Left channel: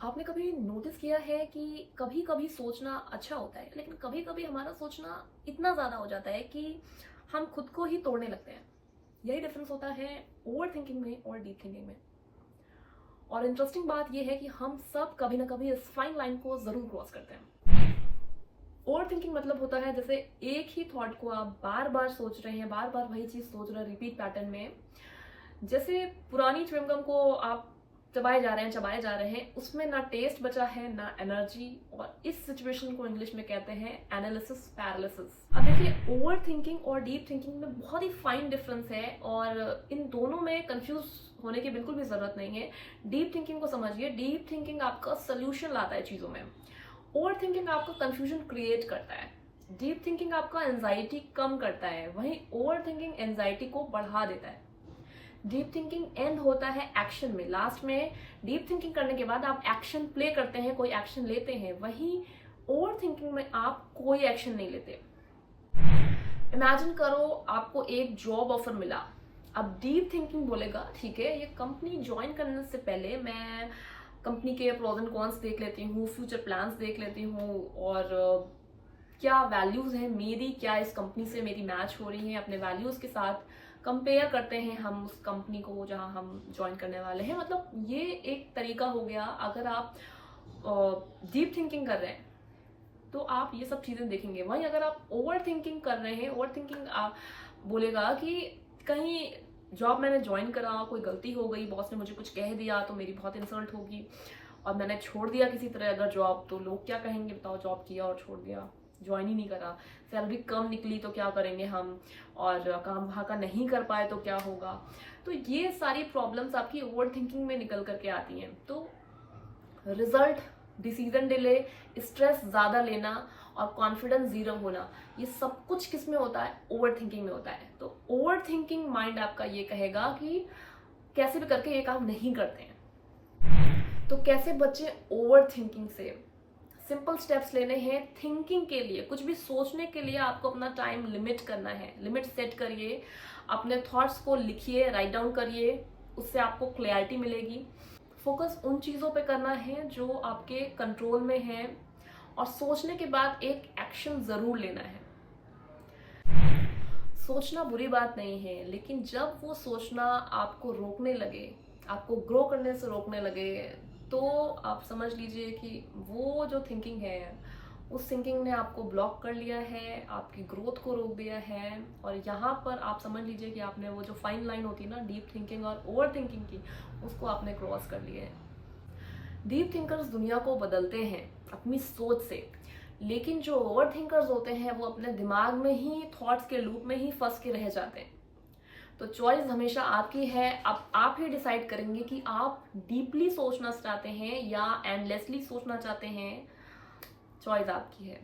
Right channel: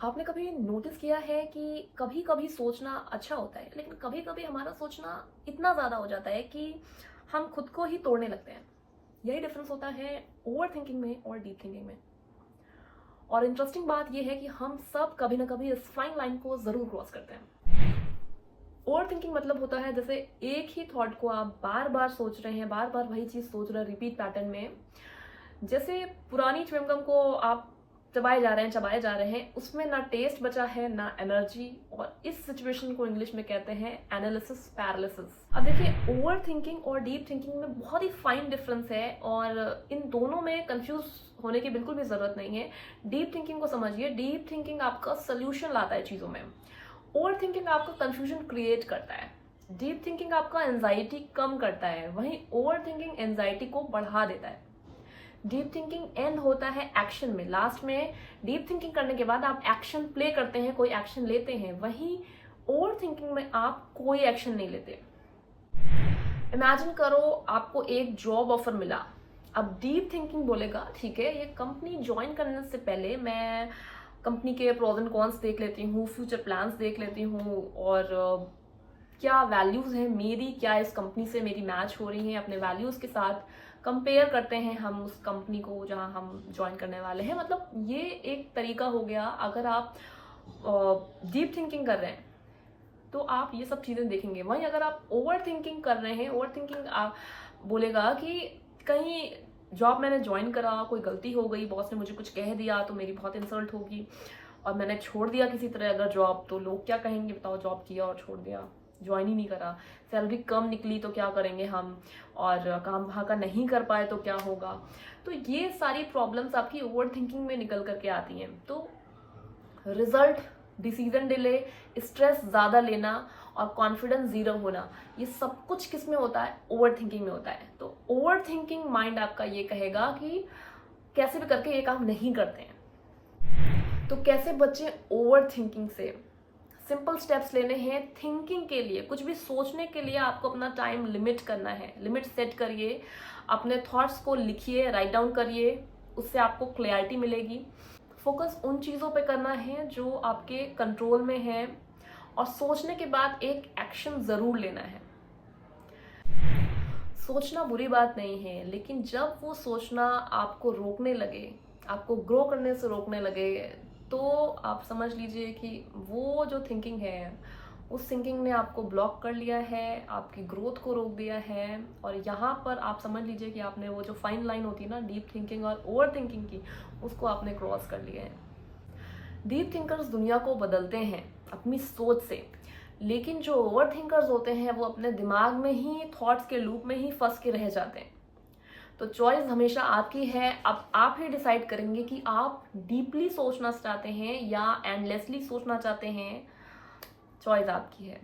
आपने कभी नोटिस किया है कि कभी कभी सोचना अच्छा होता है, लेकिन कभी कभी हमारा सोचना इतना ज्यादा हो जाता है कि हम खुद को ही तोड़ने लगते हैं। यही डिफरेंस होता है ओवर थिंकिंग में और डीप थिंकिंग में। और इंटरेस्टिंग बात यह है कि हम सब कभी ना कभी इस फाइन लाइन को जरूर क्रॉस करते हैं। ओवर थिंकिंग मतलब होता है जैसे एक ही थॉट को आप बार बार सोच रहे हैं, बार बार वही चीज सोच रहे हैं रिपीट पैटर्न में। जैसे पुरानी च्युइंगम को आप चबाए जा रहे हैं, उसमें ना टेस्ट बचा है ना एनर्जी। और इस सिचुएशन को इंग्लिश में कहते हैं एनालिसिस पैरालिसिस। अब देखिए, ओवर थिंकिंग और डीप थिंकिंग में बहुत ही फाइन डिफरेंस है और इन दोनों में कंफ्यूज होने की बिल्कुल भी जरूरत नहीं है। डीप थिंकिंग को समझिए। डीप थिंकिंग आपका सोल्यूशन लाता है चीजों में। ओवर थिंकिंग आपका कंफ्यूजन क्रिएट करता है। डीप थिंकिंग आपका एंजाइटी कम करता है, वहीं ओवर थिंकिंग एंजाइटी को बढ़ा देता है। डीप थिंकिंग एंड होता है एक्शन में। लास्ट में डीप थिंकिंग करने के बाद आप एक्शन प्ले करते हैं, कोई एक्शन लेते हैं। वहीं ओवर थिंकिंग में आप कोई एक्शन नहीं लेते। इमेजिन करो आपको एक जॉब ऑफर मिला। अब डीप थिंकिंग बोलेगा ठीक है, ये कंपनी ज्वाइन करने से पहले मैं कंपनी के प्रोज एंड कॉन्स देख लेती हूँ, फ्यूचर प्लान्स देख लेती हूँ, और क्या वैल्यूज है मेरी, क्या इस कंपनी से मेरी मैच हो रही है, अपने वैल्यूज के साथ कंपेयर करते हैं हम उस कंपनी को जहां हम ज्वाइन करने वाले हैं। मतलब ये एक तरीका हो गया। अगर आप डीप थिंकिंग कर रहे हैं तो आप ये सब चीजें देखेंगे। वहीं अगर आप ओवर थिंकिंग कर रहे हैं, ओवर थिंकिंग आप बोलेगा कि कहीं जॉब मैंने ज्वाइन करा, कोई गलती हो गई, बॉस ने मुझे कुछ कह दिया तो मेरी बहुत इंसल्ट होगी, और मैंने छोड़ दिया किसी तरह अगर जॉब, तो लोग क्या कहेंगे, बताओ, जॉब किया और छोड़ दिया, ज्वाइन ही नहीं करा, सैलरी कम निकली तो क्या करेंगे हम, और काम वहाँ का नहीं कर पाए तो क्या होगा। तो ये सारी प्रॉब्लम्स आपकी ओवर थिंकिंग में निकल करके आती हैं। तो रिजल्ट, डिसीजन डिले, स्ट्रेस ज्यादा लेना और कॉन्फिडेंस जीरो होना, ये सब कुछ किस में होता है? ओवर थिंकिंग में होता है। तो ओवर थिंकिंग माइंड आपका ये कहेगा कि कैसे भी करके ये काम नहीं करते हैं। तो कैसे बचे ओवर थिंकिंग से? सिंपल स्टेप्स लेने हैं थिंकिंग के लिए। कुछ भी सोचने के लिए आपको अपना टाइम लिमिट करना है। लिमिट सेट करिए, अपने थॉट्स को लिखिए, राइट डाउन करिए, उससे आपको क्लैरिटी मिलेगी। फोकस उन चीजों पे करना है जो आपके कंट्रोल में है, और सोचने के बाद एक एक्शन जरूर लेना है। सोचना बुरी बात नहीं है, लेकिन जब वो सोचना आपको रोकने लगे, आपको ग्रो करने से रोकने लगे, तो आप समझ लीजिए कि वो जो थिंकिंग है, उस थिंकिंग ने आपको ब्लॉक कर लिया है, आपकी ग्रोथ को रोक दिया है। और यहाँ पर आप समझ लीजिए कि आपने वो जो फाइन लाइन होती है ना डीप थिंकिंग और ओवर थिंकिंग की, उसको आपने क्रॉस कर लिया है। डीप थिंकर्स दुनिया को बदलते हैं अपनी सोच से, लेकिन जो ओवर थिंकर्स होते हैं वो अपने दिमाग में ही, थॉट्स के लूप में ही फंस के रह जाते हैं। तो चॉइस हमेशा आपकी है। अब आप ही डिसाइड करेंगे कि आप डीपली सोचना चाहते हैं या एंडलेसली सोचना चाहते हैं। चॉइस आपकी है।